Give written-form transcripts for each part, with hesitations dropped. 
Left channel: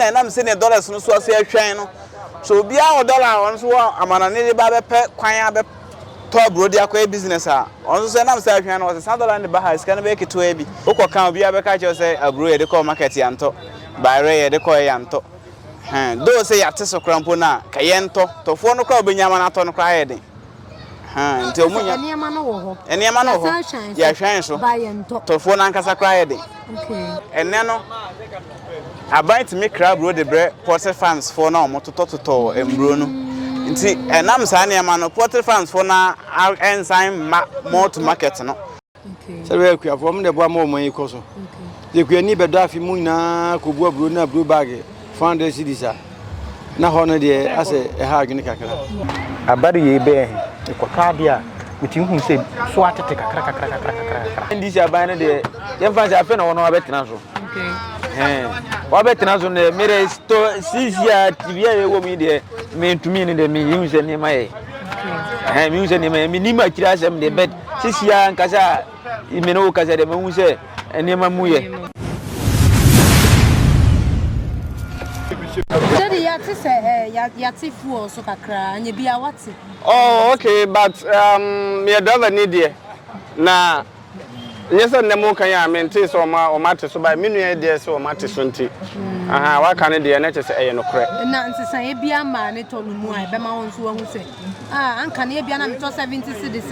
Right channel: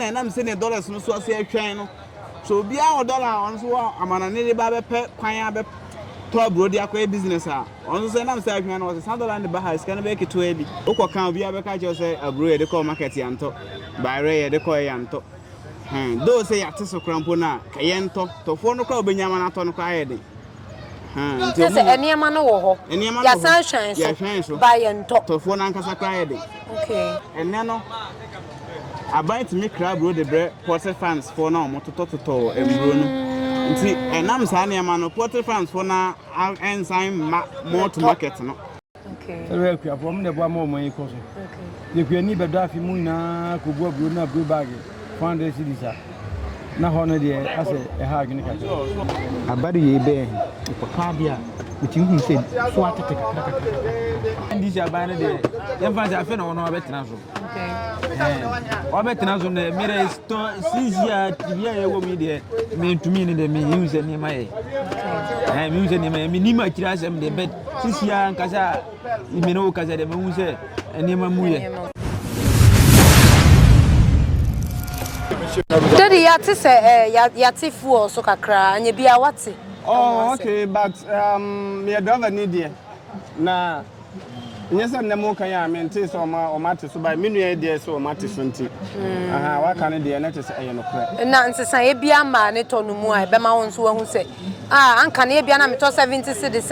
and I'm saying dollars no so say channel. So be our dollar on so amanane ba be pe kwan be to bro dia kwa business on so na say channel was $100 ba has can make it to ebi. Okoka obi abeka che say abro ye de call market yanto. Bayre ye de call yanto. Do say yate so krampo na ka yento to fo no kwa obenyama na to no kwa ye de. Nti o mu enema no wo ho. Enema no ho. Ya hwan so. Ba yento. To fo na nkasa kwa ye de. Okay. Enne no about to make crab road the bread porter fans for now motototo embro no nti enam sa na ma no porter fans for na ensign more to market no okay so we akua from the boy mo yi koso okay je ni bedo afi mu na ko bu abro na blue bag found cedis na ho no de ase e ha adwene kakra abadu ye be ko ka dia mutin hu se so atete kakra ndisi aban no de ye fa se afi na wono abetena so wabetena so ne mere sto sisia tibia ye wo mi de me ntumi ne de me yinse ne mai me yinse ne mai me ni ma kira asem de bet sisia nkasa me no kasa de me hu se ene ma mu ye Daddy yati se yati fuel so kakra anya bia wati. Oh okay but me driver need there na yes, and the mocha ya mente so o mate so by minu dey so o mate so nti aha wa kan dey na chese eye no kre na nsesa e bia ma ne to no mu a be ma won so hu se anka ne bia na me to 70 cedis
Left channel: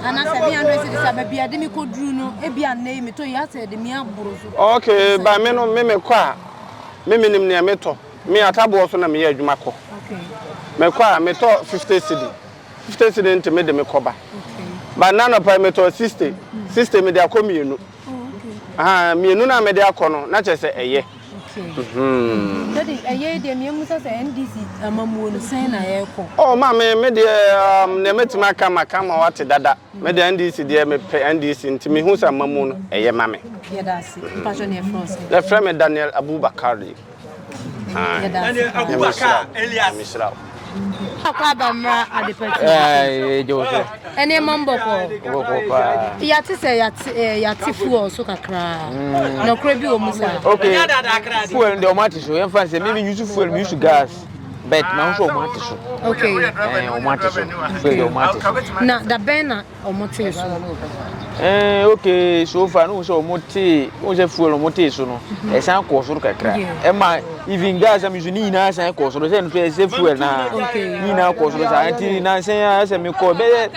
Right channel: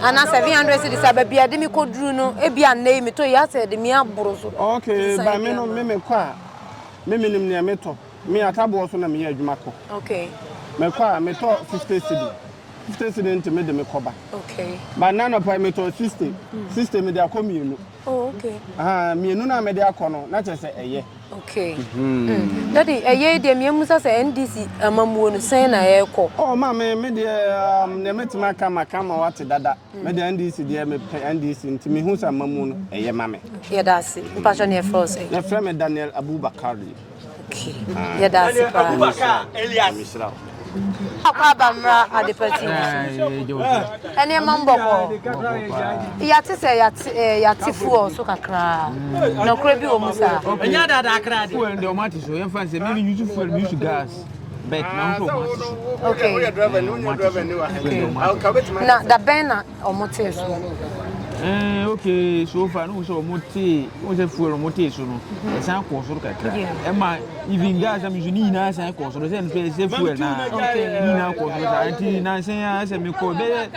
ana 700 cedis ba bia de mi koduru no e bia na me to ya se de mi aboro so okay by me no me kwa me nim ne me to me atabo so na me ya adwuma ko okay me kwa me to 50 cedis 50 cedis nti me de me koba okay but na no pa me to 60 me de akomienu oh okay mienu na me de akono na chese eye okay daddy eye de me musa se NDC amamuo no sen na ye ko oh ma me de ne metima kama wate dada me de NDC de me NDC nti me hu sa amamuo no eye ma me ye dasi passion ye force le frère me Daniel Abubakar ye dasi Abubakar Elias Misra akwa bamra adepati Joseph ene mambo ko yati se yati fuel so kakra no kra bi o musa okay fuel de o mate so yen fan se me use fuel me use gas but na so o mate so okay o mate so na da bena o mate so okay so far no so mote o je fuel o mote so no e san ko so kakra e ma even gas am use ni na san ko so se no se fuel na ni na ko so sa anti na san se me ko be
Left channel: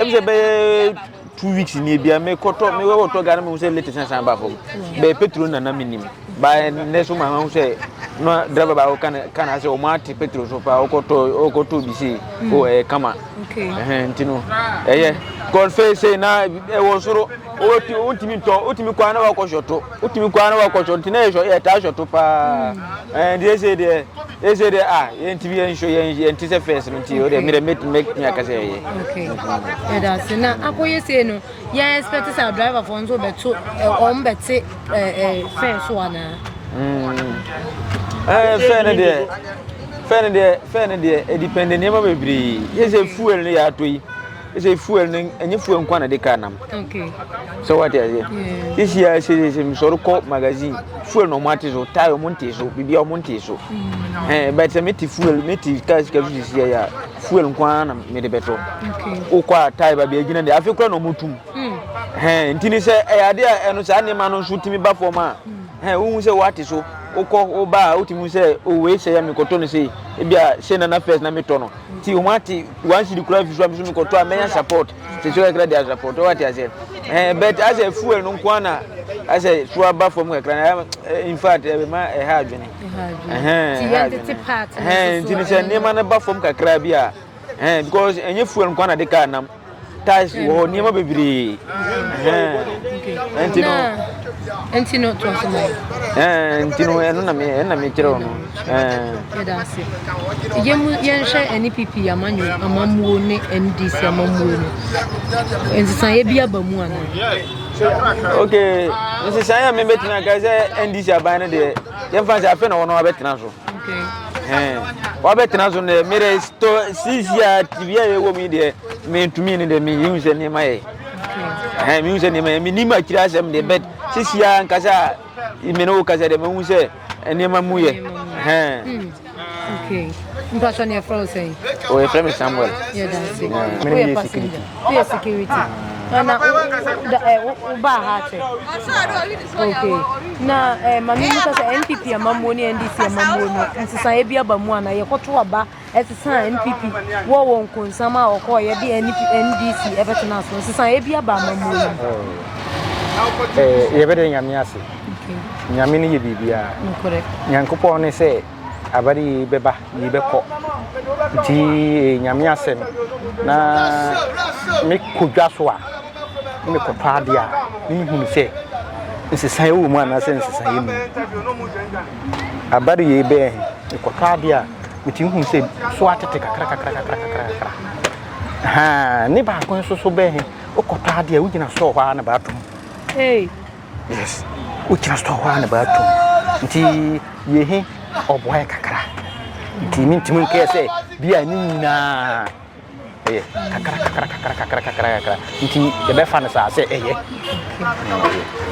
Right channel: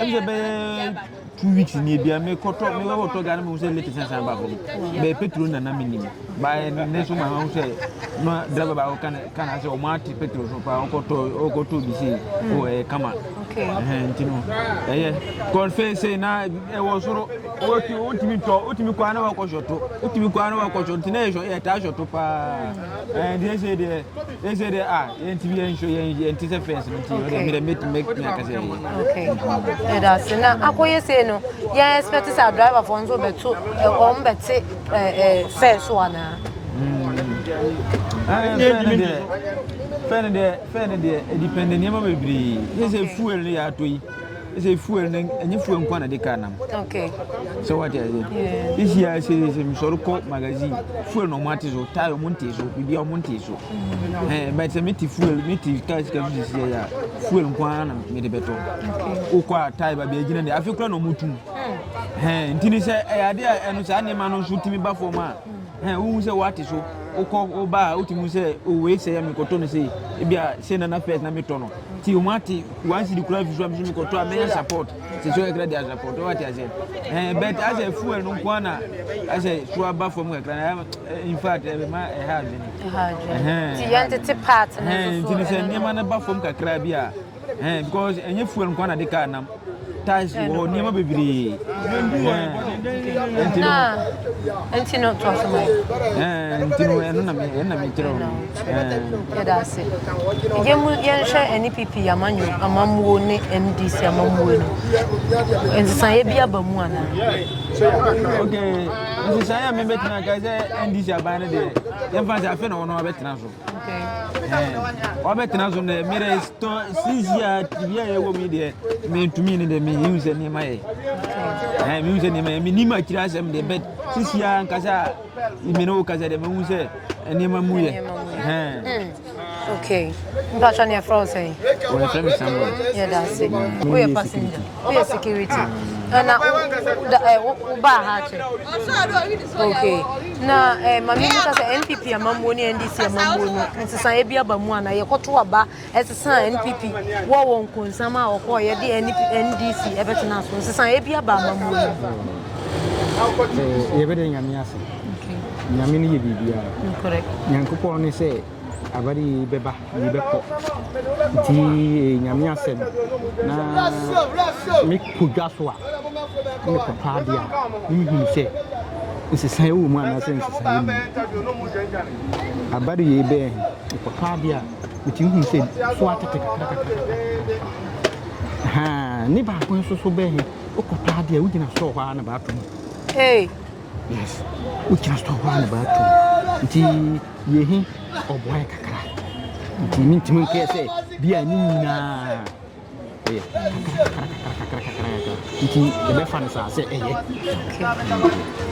e be 2 weeks ni bia me koto me we to gana me se late san ba fo be petrol na minim ba ne so ma hu se no driver ba kana se o mate petrol so pa o koto bi se o kama okay ntino god face na e wo soro otimi kwa na wa ko shoto na e ta shoto pa dey say dey ntv en show yen ti se face nti o dey make me akase okay that's na akoye say no ya expect sa driver for nso beto e ko mbete face one fene de e depend ne ma bebri yes fuel ne ya toyi is fuel any fuel nkwana de kanam okay so what is this year say so ko magazine fuel no matizo tayo montizo bibia montizo but meti fuel meti cash this year ya fuel nkwana me de beto o kwa tayo ba bia gina de afekura no mutum ntini se ade eno sa ne ma no so timi ba forma wo se what so o ba utimu se o we se ya mi koto no se e bia se na first na mi tono ti o mati wan si di kura fi so mi koto amenya support se so ekra dia support what I said but as a fuel no kwana as a so ba from ekra in fact e ma e hard ni ti entity part ti ni se ne ma na ba from kakra bia because enye fuel kwana de ka nam tais wo ni ma bebiri Entino to Entino eno na me kire no that's it yensha NPP amanyo amamuo ni NDC amamuo no ensan ye bia bamu ana okay nsi san ya me betina ka se NDC abana de ye fa sa fe na wono abetina so okay wa betina so ne mere sto sisia tibia ye wo mi de me ntumi ni de me yinse ni mai me yinse ni mai me ni ma kira asem de bet sisia nkasa imeno kasa de me hu se enema mu ye okay mpatwa ne from say o ye from Samuel yeah that's it we are passenger we are security na ba ha che okay na mami muka say NPP amammo ni NDC amammo no nsesa e bia ba mu ana ye koto aba esesa NPP wo won konsama okọ ye de NDC e betena so nsesa e bia ba amammo no ye bede nyame ase nyame ni ye bibia nyankopɔ ne sɛ abari beba yi bɛkɔ nti nyame ase no na me kodwa so a me kɔtɔ ade a me hu sɛ nsesan wo mu ana sɛ nsesan yi mu abari ye bɛ kɔtɔ ade a me ti hu sɛ so atete kakra ha ne ba ko so bɛ he o kɔtɔ ade a wo gina so hɔ na ba tum yes wo gina so hɔ na ba tum nti ye he oboy kakra nti mintimu nke se bia ni nyina kakra nti ye be fa na sa se eye be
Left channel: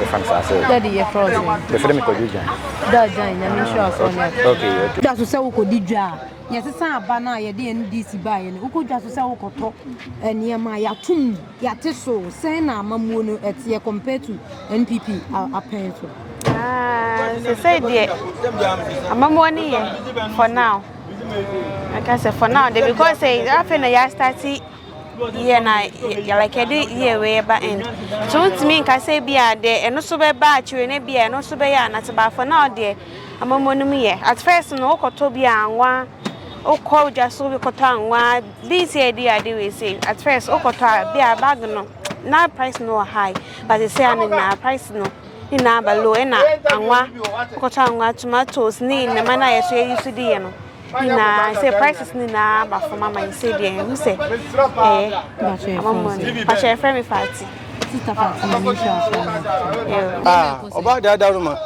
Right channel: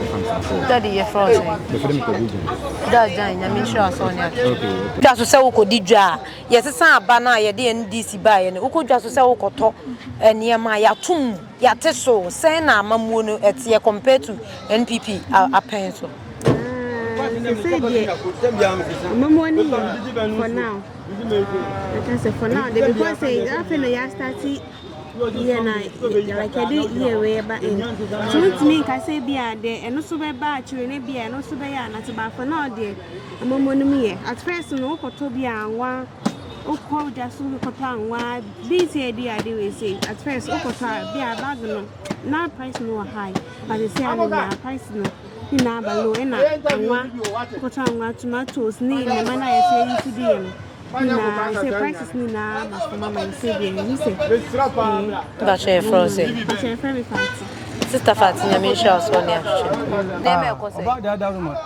fa na sa se daddy ye frozen the frame ko dijan da jan na me sure so ne okay da so se wo ko didwa ye sesa aba na ye de NDC ba ye ne wo ko dwa so se wo koto eniema ya tum ya teso se na amamuo no etie compared to NPP apen so say dear I'm money for now. Like I said, for now, because say after I started here na like I did here way back end. So to me, I say be there and also be bad you and be and also be not about for now there. I'm money me at first no kotobia and one o call just so we kotan one this year the we say at first o kota be a bag no now price no high but they say I'm in price no ina ba low na anwa kota anwa tomatoes ni na mana ya say you see no ina say prices ni na ba for mama you say there you say ba share frozen ba share frame party sister Fati na me sure so ne oba da ruma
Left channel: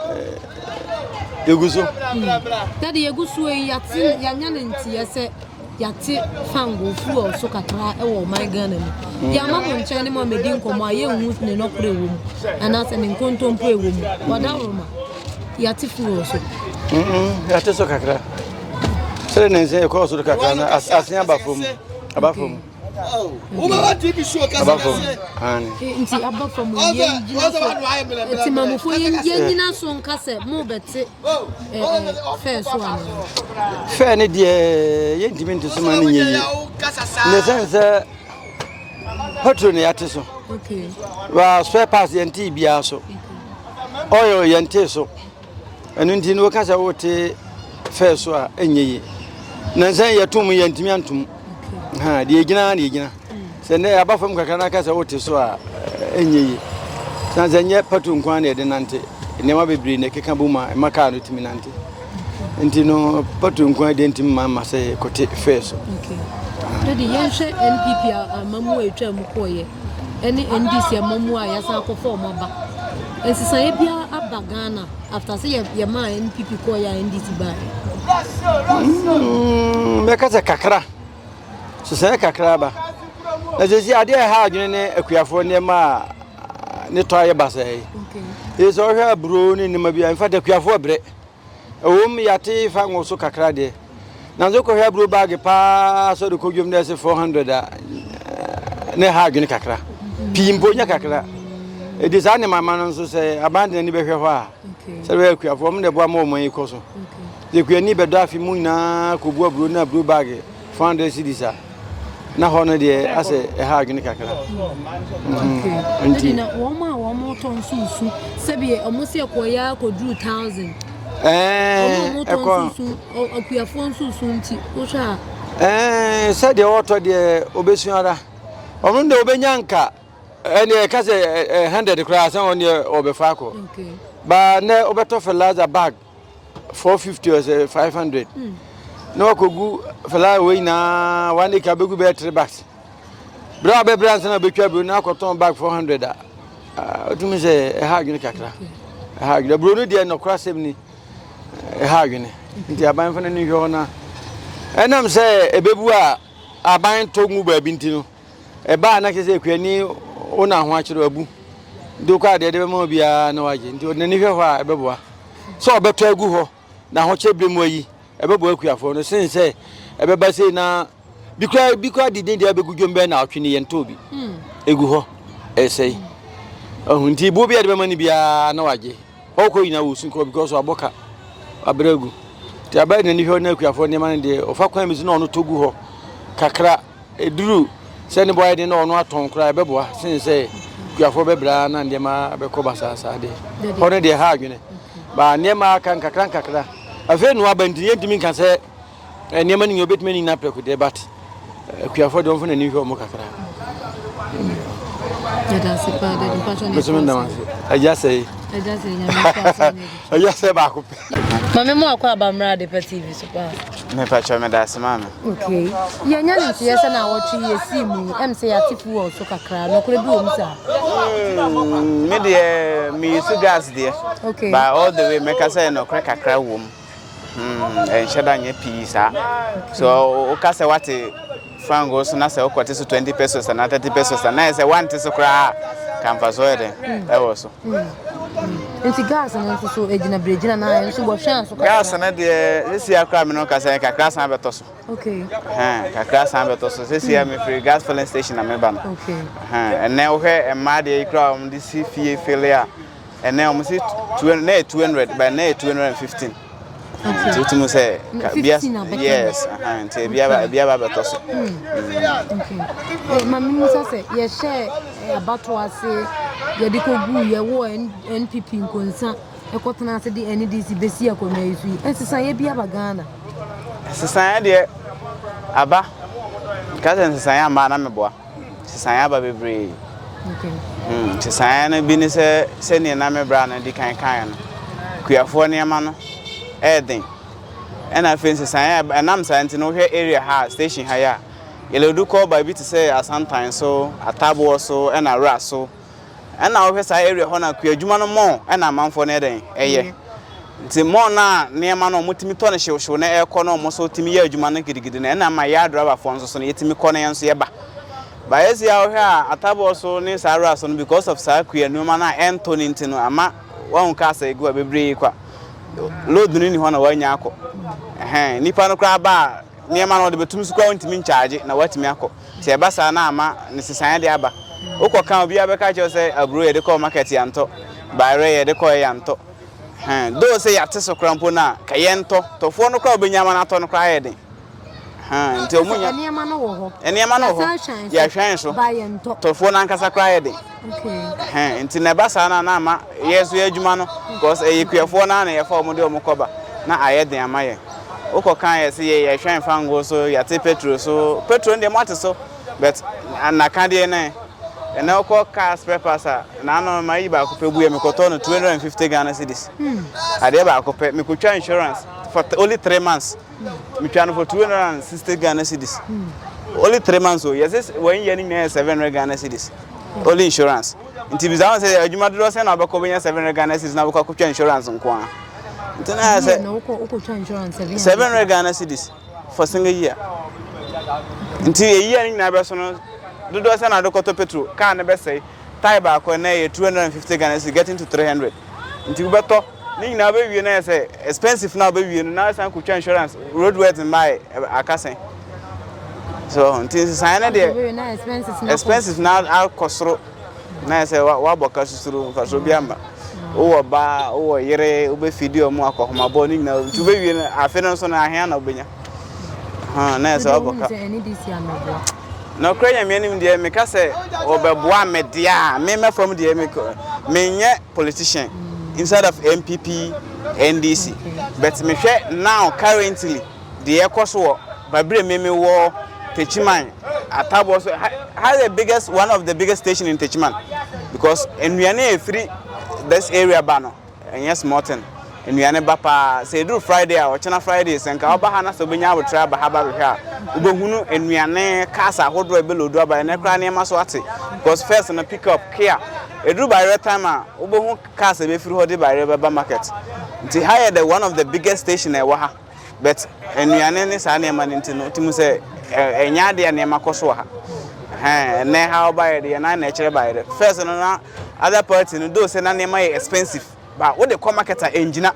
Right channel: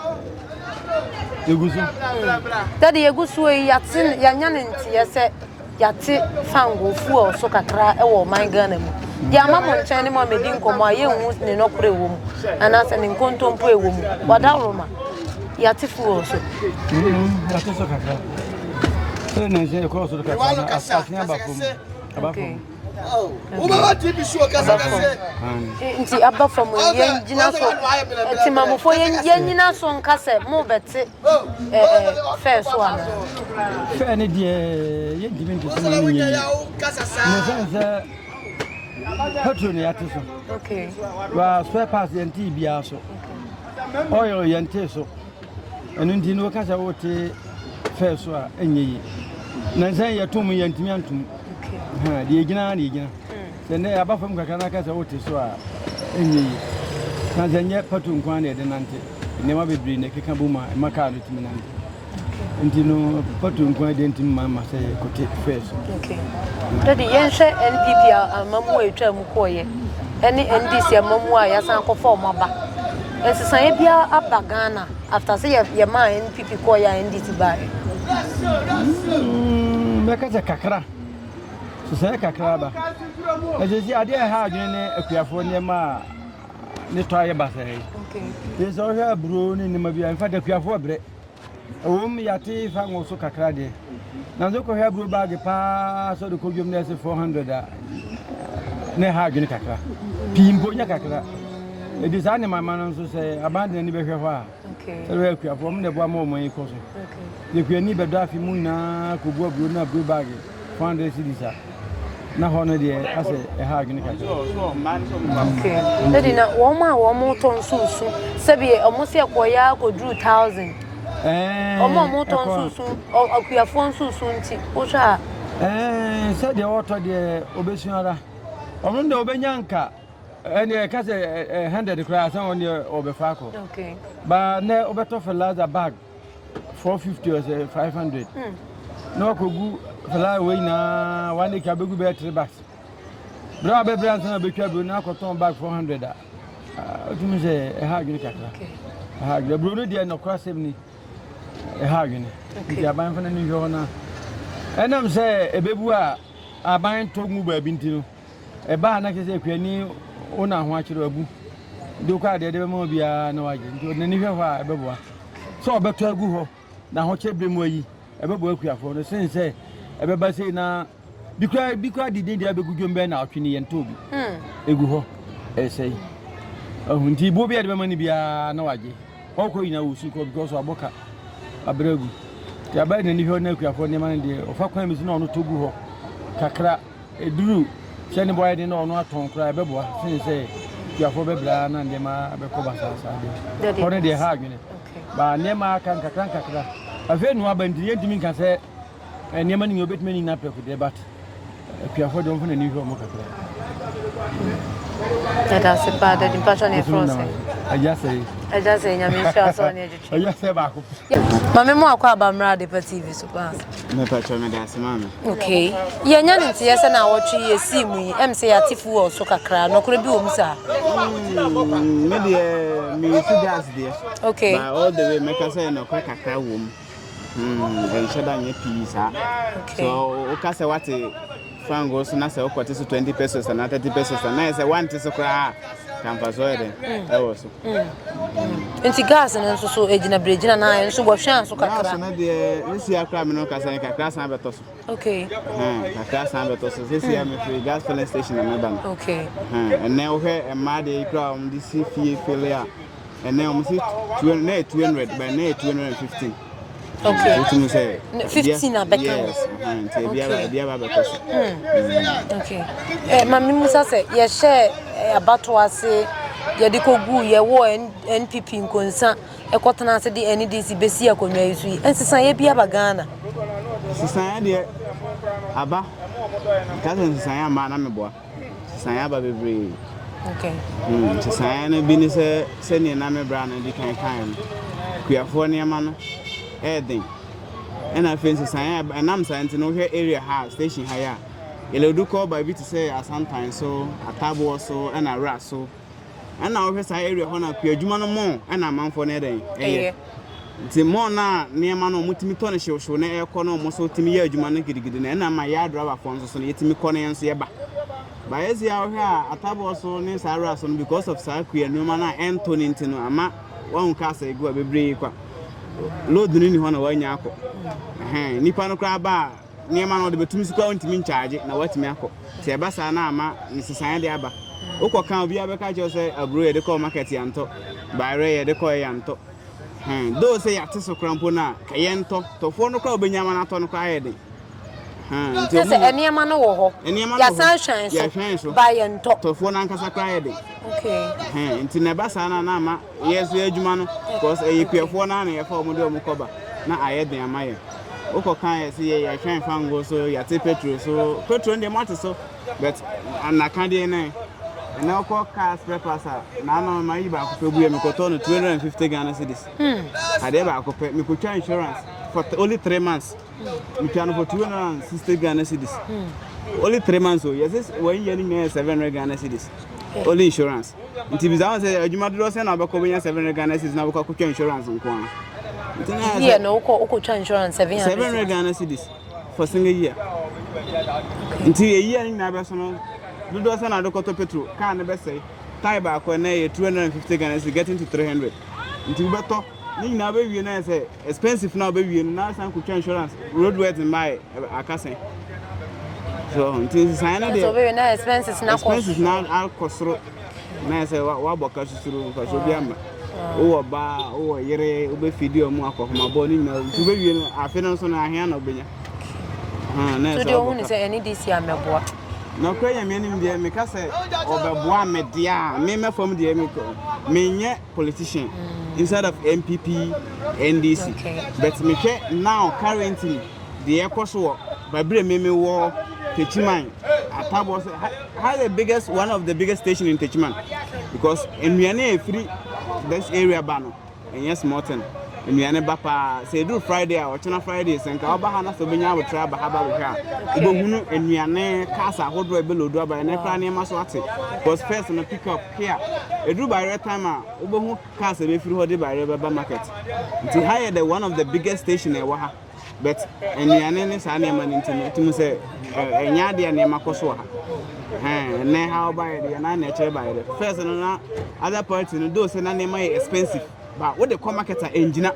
yeguso daddy yeguso yate yanya ne ntie se yate fango fu so kakra e wo man Ghana mu ya mama nche ni mo medi nkomo aye hu ne no kure wo mu ana se ne nkontompo e wo mu wada roma yate fu so yate so kakra sere ne se ko so kakra na asia abafom Uba TV show kasa nti abafom yen gina so nti mamofo yen gina so nkase mo bete fair so ana fair ne de yen dimi nto so ma ne nyi ne sense patron yate so okay wa spare parts yen ti bia so oil yen ti so enu nti no kasa wote fair so a enyi na sen yetum yen timi antum ha de gina se ne abafam kakra na kasa wote so a enyi san zenye patron kwan na de nante ne ma bebre ne keka buma maka no timi nante nti no patron kwan de ntimi ma se kote fair so okay daddy yen hwe NPP amamu etwa mu koye ene NDC amamu a yasan akofo omaba ensisan ebia aba Ghana after say ye ma NPP koye NDC ba me kasa kakra so kakra ba na je ade ha adwene ne akuafo ne ma ne toye basai okay so hwa bro ni ma bia mfa de akuafo bre ewom yate fa ngoso kakra de na zo ko hwa bro bag pa so de ko dwom na se 400 ne ha adwene kakra pimpo nya kakra e de sa ne mama no so se abande ni be hwe ho a okay se we akuafo mo de bo ma mo yi ko so de kuani be do afi mu na ko bo bro na bro bag 400 cedis na hono de ase ha agene kakra okay dedi na wo ma ton sunsu sebi omusi akoya ko 2000 omo ton sunsu akuyafo sunsu nti wo sha se de oto de obesuara omo de obenyanka ene ka se 100 kra san oni obefa ko okay ba ne obeto fertilizer bag 450 or 500 no kogu fala we na one ka begu be 3 bags bra be brand na be twa be na koton bag 400 otumi se ha agene kakra ha agene bro no de no krasem ni ha agene nti aban fa na ni hwo na enam se ebebu a aban togu ba bi nti no e ba na kese kwani ona ho akiro abu do kwa de be ma bia na waje nti na ni hwo a ebeboa so obeto agu ho na ho chebre mu yi ebebo akuafo no sen se ebeba sei na bikra didin dia begudwom be na atwe ne yento bi egu ho esei ohunti bo bia de be mani bia na wage okọ yina wo sun ko because aboka abregu ti abai na ni ho na akuafo ne man de ofa kwan mi na ono togu ho kakra eduru se ne boy de na ono aton kra ebeboa sen se akuafo bebra na ndema be ko basasa de ho ne de ha adwene ba nema kan kakra afi no abandi yentimi kan se nema ni obetime ni na preko de bat akuafo de onfo na ni ho mo kakra that's a bad impression is I just say back. Mammy more about the TV super. Me patcha me that's mama. Okay. Yeah, yes, and I watch you see me. MC Atifu or Soka Cran, no could be umsa. Me gas there. Okay. By all the way, make us say no crack a crowd womb. And shadang a piece. So, Okasa what Fangos and I say, what is 20 pesos and 30 pesos, and I say, one to cry. Campus, that was and gas and also agent bridge and I and so was chance. Gas and this year, criminal Casaka, class Ambertos. Okay. A class Ambertos, this year, me free gas filling station. Okay. And now here and Maddy Crown, this fee failure, and now we see 200 by 215. Okay. To say 15 yes, and be okay. Mammy Musa said, yes, share about to us say, Yadiko, ye war NPP in concern, a cotton answer the NDC Bessia community, and society be a Ghana. Society, Abba, cousin Saya Manamabo, Sayaba be brave. Okay. Sayana business sending Name Brown and the kind. Queerfornia man. Everything. And I think Saya and I'm saying to know here area ha station higher. You'll do call by bit to say at sometimes so a table so and a rat so. And now here's area honor queer Jumano more and a man for netting. Eh, the more now near man on Mutimitona show na air corner almost so Timmy Jumana Gidigidin and I'm my yard driver for so yet me corner and Sieba. By as you are here, a table so near Sarah because of Sarquia, no man and Tony into Ama one castle go be break. Load ni ho na wanya akọ nipa no kra ba niema no de betum su kwa ntimi charge na watimi akọ ti e basa na ama ne sesan de aba ukoka obi abeka che say aburo ye de call market yanto bayre ye de call yanto do say yate so krampo na ka yento tofo no kwa obenyama na to no kwa ye de nti omu niema no wo ho niema no ho ya hwan so ba yento tofo na nkasa kwa ye de okay nti na basa na na ama yesu adwuma no because eyekuafo na na ye fa omo de omo koba na ayeden amaye ukoka ye say ye hwan fango so yate petrol so petrol de mate so but anaka de na and now call car spare parts na no mai ba ko pebu ye me koto no 250 Ghana cedis ade ba ko pe me ko twa insurance for only 3 months me twa no for 260 Ghana cedis only 3 months so yes 1 year ni 700 Ghana cedis only insurance nti bizawo say adwuma do say na ba ko benya 700 Ghana cedis na ba ko twa insurance nko a nti na say no ko twa insurance 700 Ghana cedis for single year nti a year ni na ba so no do say na do koto petrol car na be say tire ba ko na 250 Ghana cedis getting to 300 nti we beto ni na be wie na say expensive na be wie na say ko twa insurance roadworthy my akasen so nti say na dey expensive na alkosro na say wa boka susuru ka so biamba o ba o yere o be video mu akoma bo ni na tu be wie na afi no so na ahia na obenya na say o boka say NDC ameboa no kranya me nim dey me ka say obeboa me dia me from dey me nye politician inside of MPP NDC but me hwe now currently the ekoso babre me wo Techiman Atabo has the biggest one of the biggest station in Techiman because in Wiane free this area banner and yes Morton in Wiane Bapa say do Friday or China Fridays and Kabahana so benya would try Bahaba Ubahunu in Wiane Casa Hodro below do by Necrania Maswati because first in a pick up care a do by red timer Ubahu Casa be free by River Market. It's higher than one of the biggest station in Waha but in Wiane is an eman to say enya de na makoso ha na how buy the na nature buy the first no other party no do say na name expensive but what the market engine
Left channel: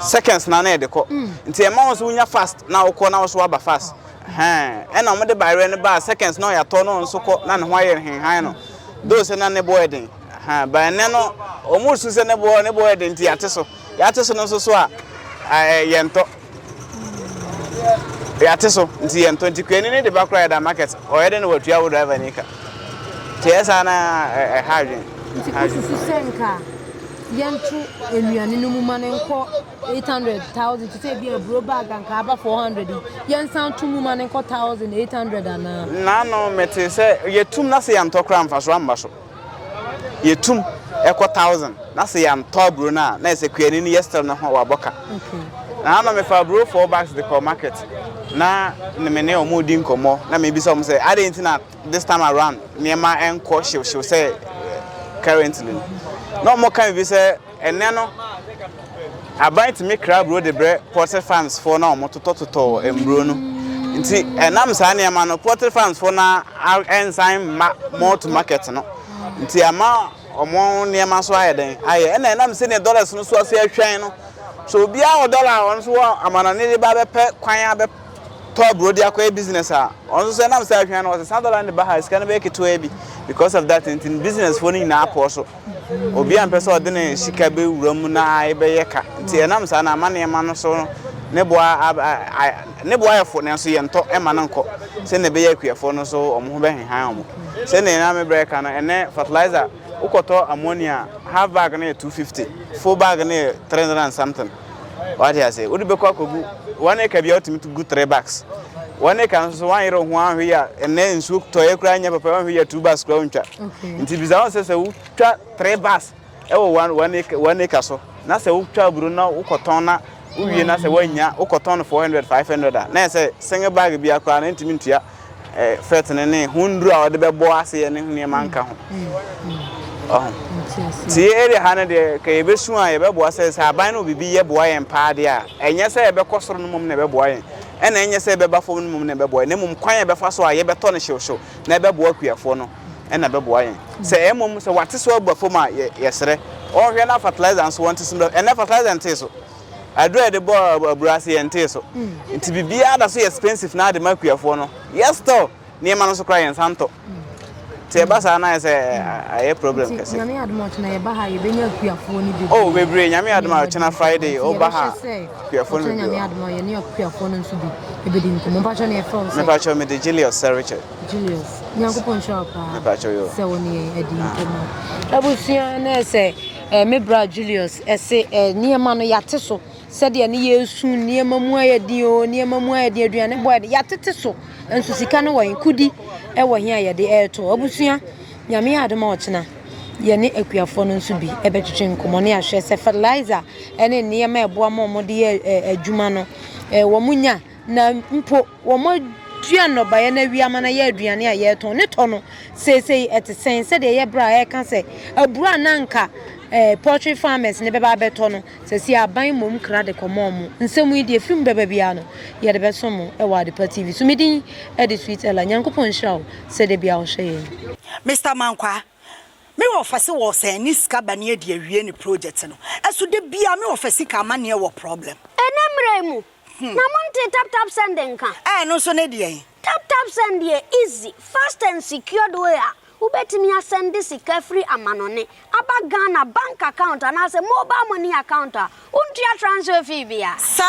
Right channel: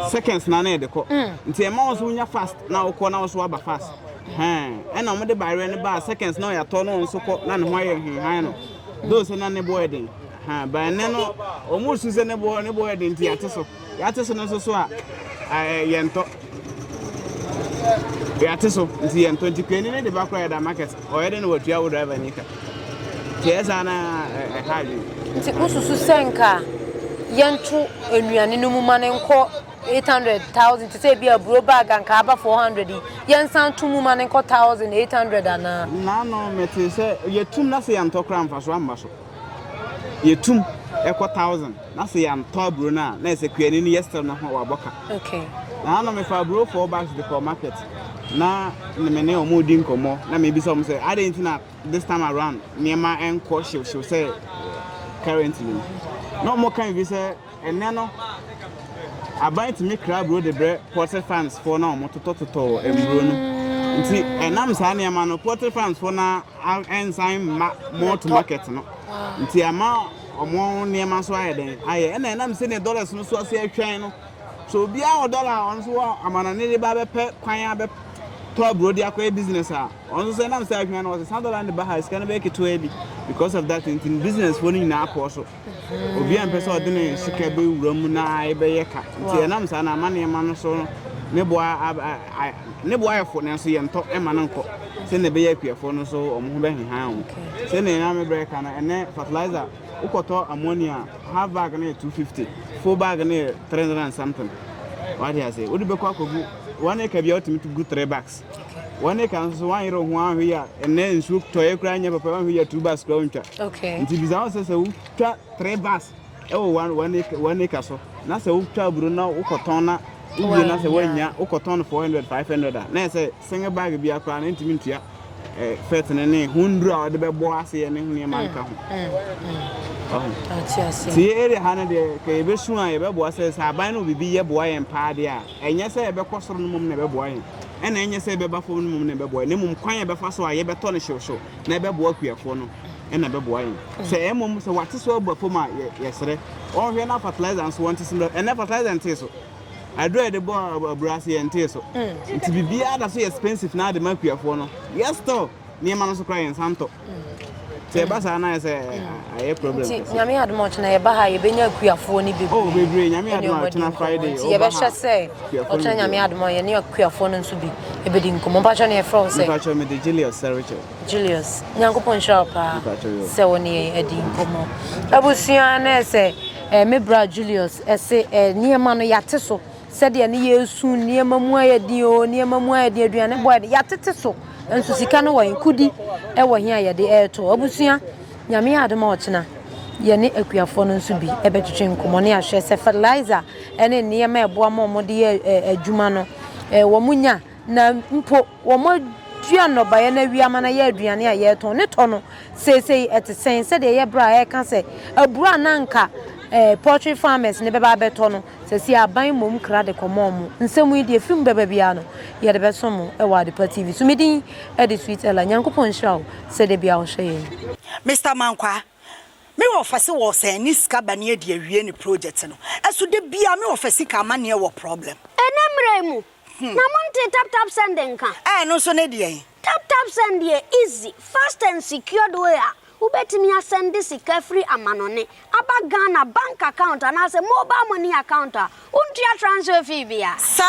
seconds na na de ko nti e ma wo so nya fast na wo ko na wo so aba fast and I'm the buy any bar seconds no ya turn on so na ne ho aye hen no those na ne boy den by no almost say ne boy den ti ate so no so a yento ate so nti yento nti kwani ne de back ride market o ye den watua wo driver nika ti esa na hardin nti kususu senka yantu enuane no mu mane nko 800,000 to say be a bro bag and kaba 400 yan sound to mu mane nko 1,800 ana na no mete say yetum na say am to kra mfa so amba so yetum eko 1,000 na say am to bro na say kwani ni yesterday na ho wa boka okay na me fa bro 4 bags the market na me ne o mu di nkomo na me bi so say I didn't na this time around niema enko she say currently no more can be say eneno about to make crab road the bread porter farms for now motototo embro no nti enam sa na ma no porter farms for na ensign more to market no nti ama omo ne ma so ayeden aye na enam se ne dollars no so ase atwan no so bia o dollar on so amana ne ba be pe kwan abe to bro dia kwa business on so enam se atwan no so $1 ne ba ha scan be keto ebi because of that in business for ni na aposo obi am person odene shika be wuram na ebe yeka nti enam sa na amane ema no so ne boa efo ne so yento ema no nko se ne be yakuafo no so omo ho be henhan omo se ne na me break na ene fertilizer ukoto ammonia half bag na 250 full bag na 300 and something what you say odi be kwa kogu 1 acre bi otimi to go 3 bags 1 acre so 1 year ho ahwe ya ene nsu toye kra nya papa ahwe ya 2 bags kra untwa nti biza won se utwa 3 bags e wo 1 acre so na se utwa buru na ukoton na uwie na se wanya ukoton 400 500 na se single bag bi akra na ntimi ntua fet ne hundru a de be bo ase ne hune manka ho ti ere hana de ka ebe su a ebe bo ase aban no bibi ye bo ayen paade a enye se ebe kosoro no mum na ebe bo ayen ena enye se ebe bafo no mum na ebe bo ayen ne mum kwan ebe fa so a ye beto no hwehwo na ebe bo akuafo no ena ebe bo ayen se emum se wate so abafo ma yesere on hwe na fertilizer so want to ena fertilizer nte so adua de bo aburase ente so nti bibia da so expensive na de makuafo no yes to ne ma no so cry santo se basa na se aye problem kese nyame admo chena ye ba ha ye benya kuafo ni bibi oh bebre nyame admo chena Friday o ba ha kuafo ni nyame admo ye ne kuafo no nso bi ebedi nkomo ba cho ne from se me ba cho me de Julius Richard Julius nyankopon shop me ba cho yo se woni edi nkomo abusia na se me bra Julius ese niema no yate so se de ne yesu niema mu ayedi o niema mu ayedi aduane boy yatete so enso sika no wan kudi e wo hia ye de eto abusua nyame adoma ochena ye ne akuafo no nso bi e betwetwe nkomo ne ahwe se fertilizer ene niema ebo ammo de adwuma no wo munya na mpo wo mo dua no ba ye na wiama na ye aduane a ye to ne to no sesei etesen se de ye bra e ka se abura nanka poultry farmers ne beba beto no se si aban mom kra de komom nsemu die film beba bia no ye de besom e wa de TV so medin e de sweet ela nyankopon shaw se de bia wo hwe Mr. Mankwa me wo fase wo se ni ska bane e de awie ni project no eso de bia me wo fase ka ma ne wo problem enemremu na monte tap sending ka no so ne de tap send ye easy fast and secured way ubetimi asend sika free amanone aba Ghana bank account and as a mobile money account untia transfer fee bia sa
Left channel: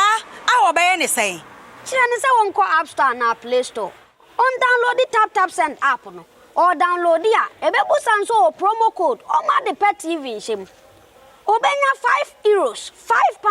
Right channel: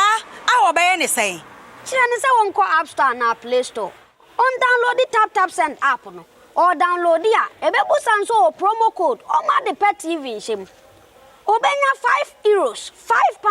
awo be ne say kire ne se wonko app store na play store on download the tap send app no or download dia ebebu sanso promo code o ma de pet TV shim obenya €5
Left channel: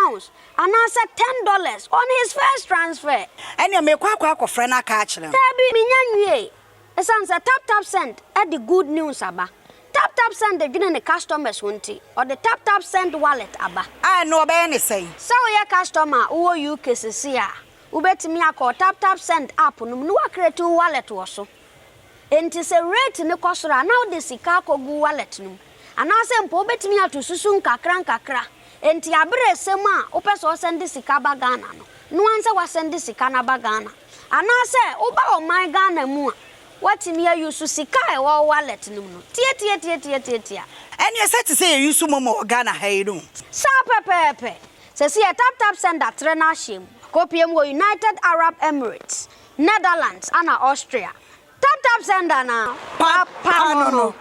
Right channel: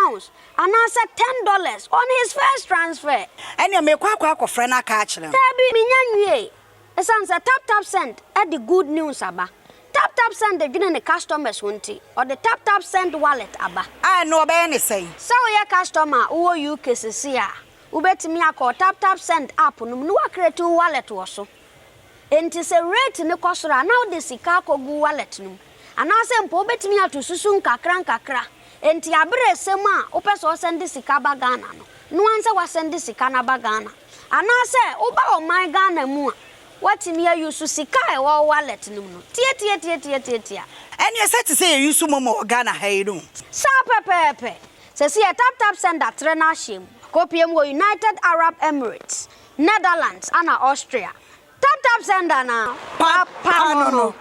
£5 and answer $10 on his first transfer ene me kwa akofre na ka akire tabi minyanwie esan say tap send at the good news aba tap send the gina the customers wonti or the tap send wallet aba no obey ne say so your customer wo UK sisi a ubetimi akọ tap send app no no create wallet wo so enti se rate ne kosora now the sika kogu wallet no anase mpo ubetimi atosusu nkakra enti abere sem a opeso send sika ba Ghana no anse wa send sika na ba Ghana anase uba o my Ghana mu what me use sika e wo wallet no tie tia eni ese te say use momo Ghana ha no sa pepepe Se si tap sender trainer shame. Kopiem wo United Arab Emirates, Netherlands, and Austria. Tap sender na. Papa no.